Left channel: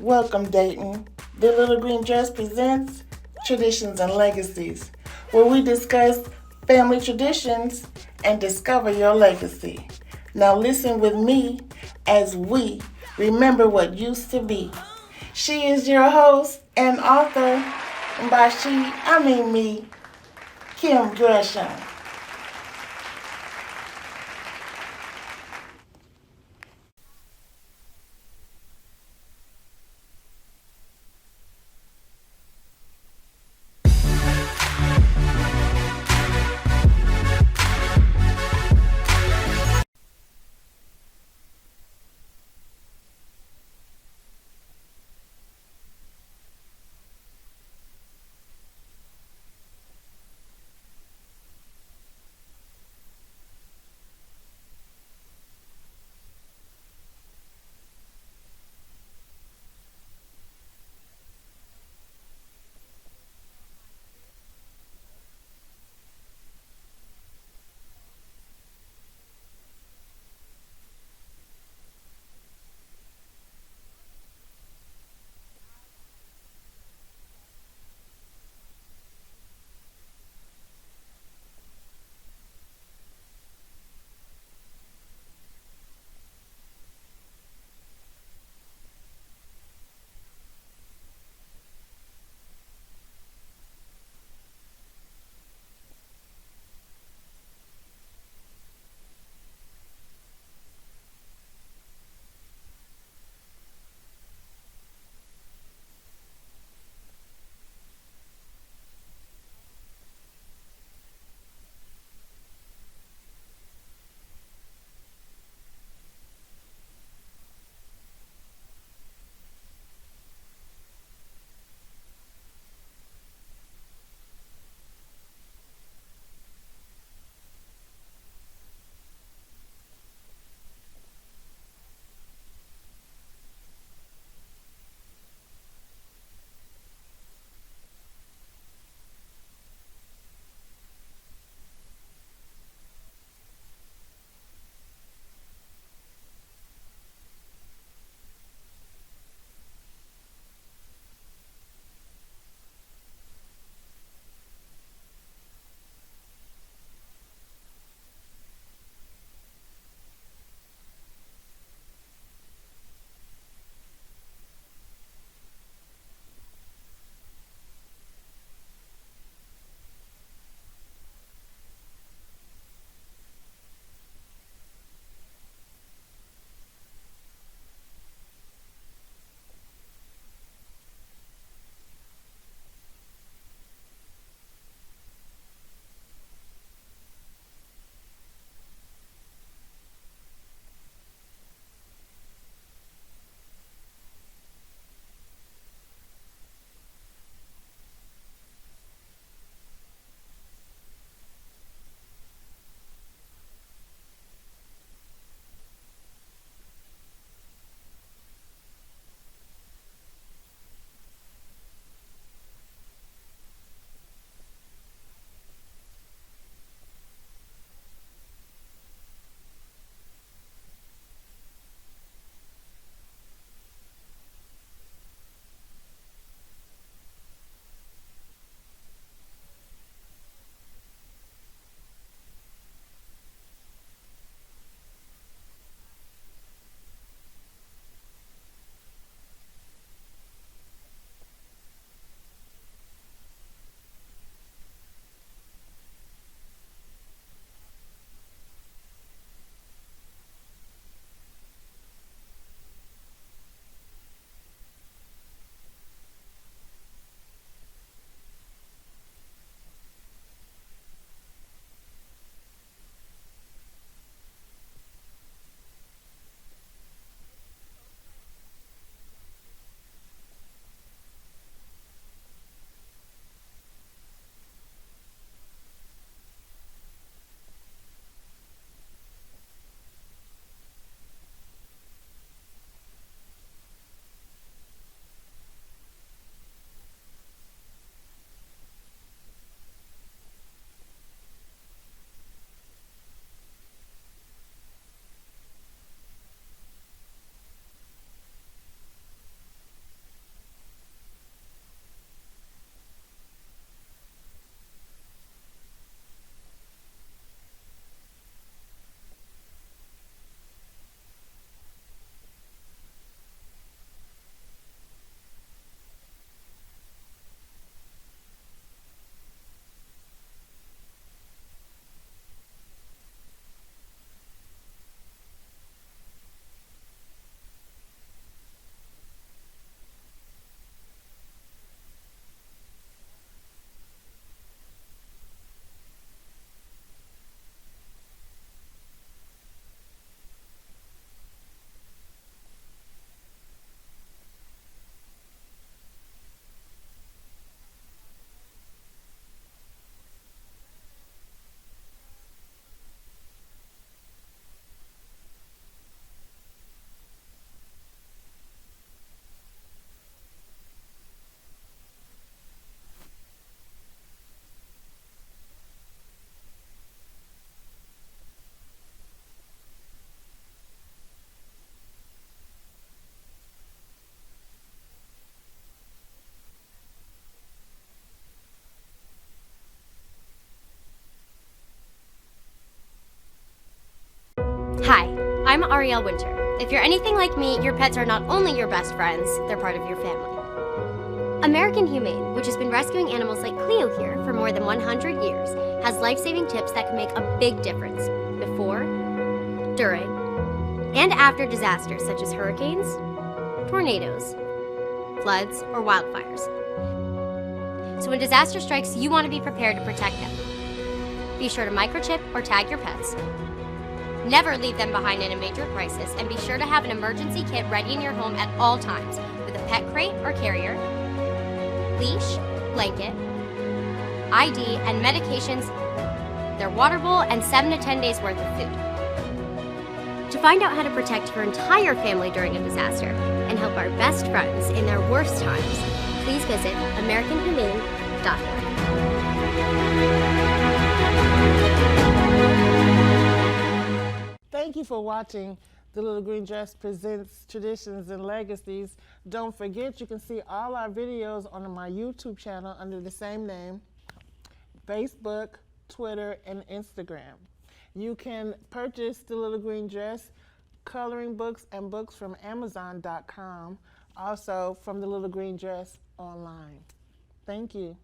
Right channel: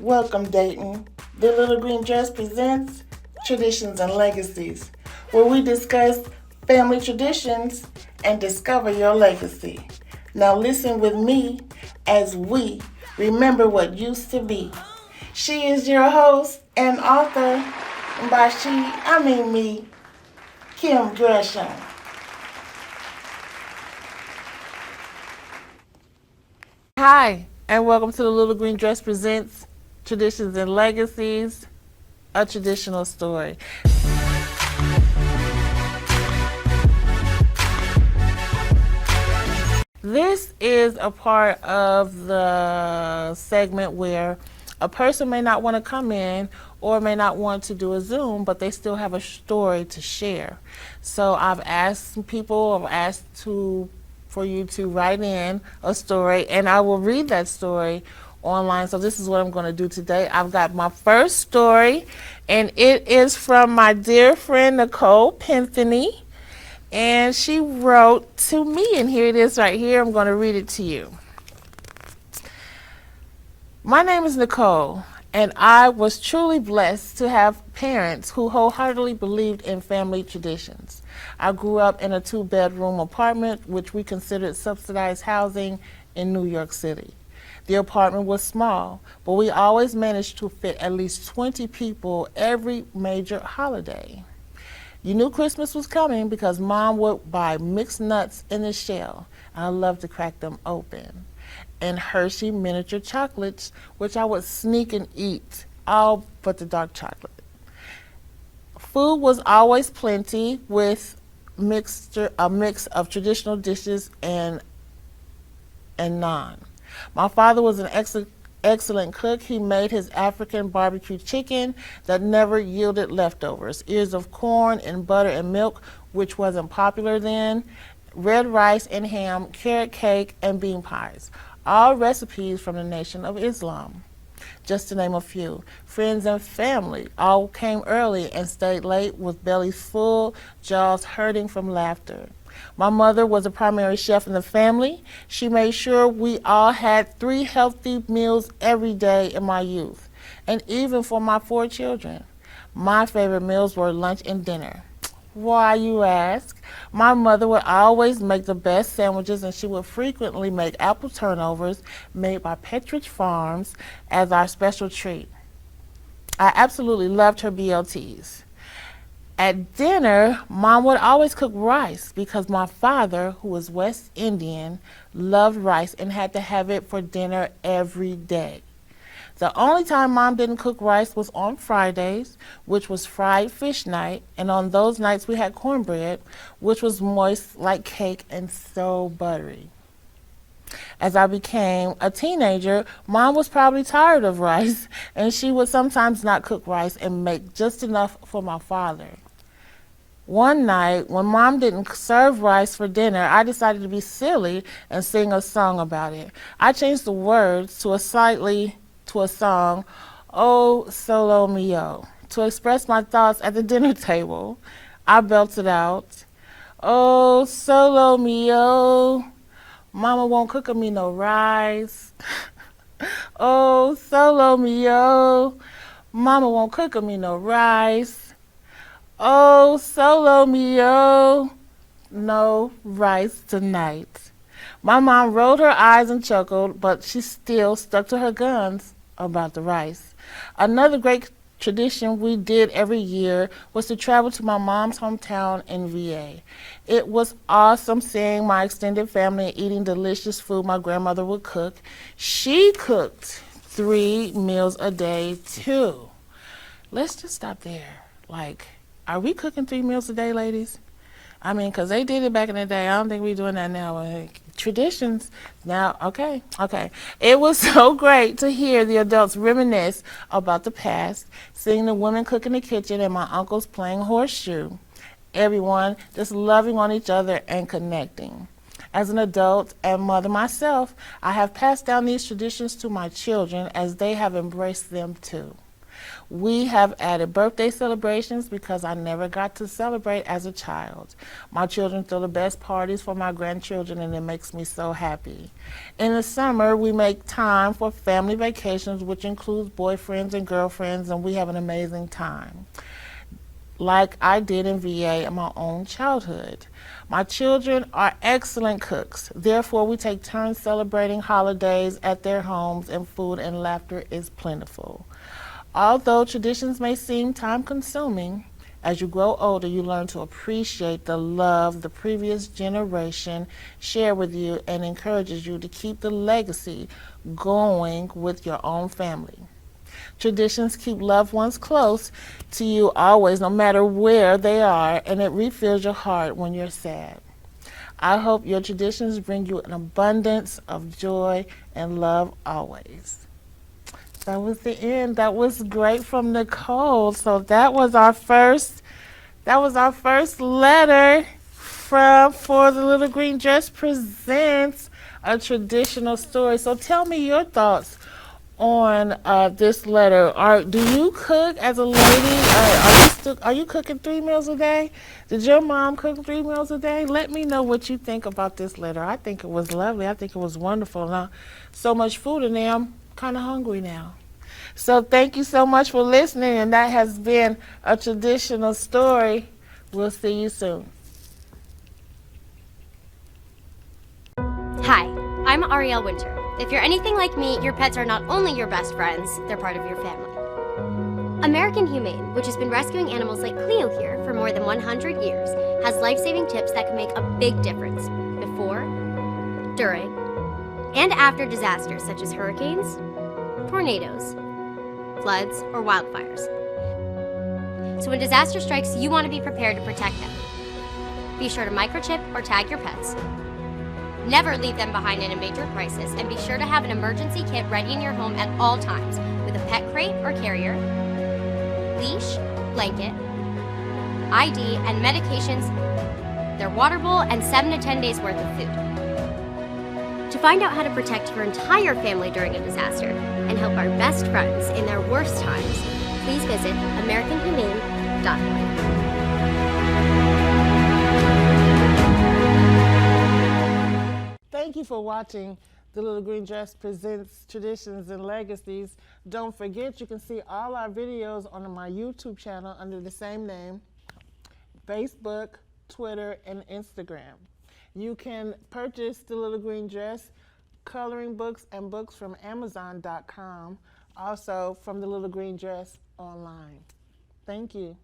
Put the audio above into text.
Welcome, Dayton. The Little Green Dress presents Traditions and Legacies, where we discuss family traditions and discover your legacy. Now, listen with me as we remember what used to be. She is your host and author, and by she, I mean me, Kim Gresham. Hi, and welcome to the Little Green Dress presents Traditions and Legacies, a traditional story. This is a part of the segment where a person may not want to come in or may not want to do a Zoom, but they still have a story to share. So I've asked people, for you to write in a story, and I will read that story online. So this is what I'm going to do today. I've got my first story, and it is from my dear friend Nicole Pentheny. And she wrote to me, and here it is right here. I'm going to read it to you. My name is Nicole, and I was truly blessed to have parents who wholeheartedly believed in family traditions. I grew up in a 2-bedroom apartment, which we considered subsidized housing in New York City. The apartment was small, but we always managed to fit at least 20 people every major holiday. You knew Christmas was coming because Mom would buy mixed nuts in a shell, and I loved to crack them open. And Hershey miniature chocolates, which I would sneak and eat, all but the dark chocolate. Food was always plenty with a mix of traditional dishes and naan. My father was an excellent cook. He made his African barbecue chicken that never yielded leftovers, ears of corn and butter and milk, which wasn't popular then, red rice and ham, carrot cake, and bean pies, all recipes from the Nation of Islam. Just to name a few. Friends and family all came early and stayed late with bellies full, jaws hurting from laughter. My mother was a primary chef in the family. She made sure we all had 3 healthy meals every day in my youth, and even for my 4 children. My favorite meals were lunch and dinner. Why, you ask? My mother would always make the best sandwiches, and she would frequently make apple turnovers made by Petridge Farms as our special treat. I absolutely loved her BLTs. At dinner, Mom would always cook rice because my father, who was West Indian, loved rice and had to have it for dinner every day. The only time Mom didn't cook rice was on Fridays, which was fried fish night, and on those nights we had cornbread, which was moist like cake and so buttery. As I became a teenager, Mom was probably tired of rice, and she would sometimes not cook rice and make just enough for my father. One night, when Mom didn't serve rice for dinner, I decided to be silly and sing a song about it. I changed the words to a song, "Oh Solo Mio," to express my thoughts at the dinner table. I belted out, "Oh Solo Mio, Mama won't cook me no rice. Oh Solo Mio, Mama won't cook me no rice. Oh, solo mio, no rice tonight." My mom rolled her eyes and chuckled, but she still stuck to her guns about the rice. Another great tradition we did every year was to travel to my mom's hometown in VA. It was awesome seeing my extended family and eating delicious food my grandmother would cook. She cooked 3 meals a day, too. Let's just stop there. Are we cooking 3 meals a day, ladies? I mean, because they did it back in the day. I don't think we're doing that now. Traditions. Now, okay. It was so great to hear the adults reminisce about the past, seeing the women cook in the kitchen and my uncles playing horseshoe. Everyone just loving on each other and connecting. As an adult and mother myself, I have passed down these traditions to my children as they have embraced them too. We have added birthday celebrations because I never got to celebrate as a child. My children throw the best parties for my grandchildren, and it makes me so happy. In the summer, we make time for family vacations, which includes boyfriends and girlfriends, and we have an amazing time, like I did in VA in my own childhood. My children are excellent cooks. Therefore, we take turns celebrating holidays at their homes, and food and laughter is plentiful. Although traditions may seem time-consuming, as you grow older, you learn to appreciate the love the previous generation shared with you and encourages you to keep the legacy going with your own family. Traditions keep loved ones close to you always, no matter where they are, and it refills your heart when you're sad. I hope your traditions bring you an abundance of joy and love always. That was the end. That was great from Nicole. So that was our first letter from For the Little Green Dress Presents a Traditional Story. So tell me your thoughts on this letter. Do you cook as a lady? Are you cooking 3 meals a day? Did your mom cook 3 meals a day? Let me know what you think about this letter. I think it was lovely. I think it was wonderful. Now, so much food in there, I'm kind of hungry now. So thank you so much for listening, and that has been a traditional story. We'll see you soon. Hi, I'm Ariel Winter. If you're anything like me, your pets are not only your best friends, they're part of your family. American Humane, which has been rescuing animals like Cleo here for more than 100 years, has life-saving tips that can make a big difference before, during, and after disasters such as hurricanes, tornadoes, floods, or wildfires. So when disaster strikes, you want to be prepared to protect them. Be sure to microchip or tag your pets. Never leave them behind in a major crisis, and be sure to have an emergency kit ready in your home at all times with a pet crate or carrier, leash, blanket, ID, and medications, their water bowl, and 7 to 10 days worth of food. To find out how to protect your entire family during a disaster and help our best friends in their worst times, please visit AmericanHumane.org. Thank you for watching The Little Green Dress Presents Traditions and Legacies. Don't forget, you can see all our videos on my YouTube channel under the same name, Facebook, Twitter, and Instagram. You can purchase The Little Green Dress coloring books and books from Amazon.com, also from The Little Green Dress online. Thank you.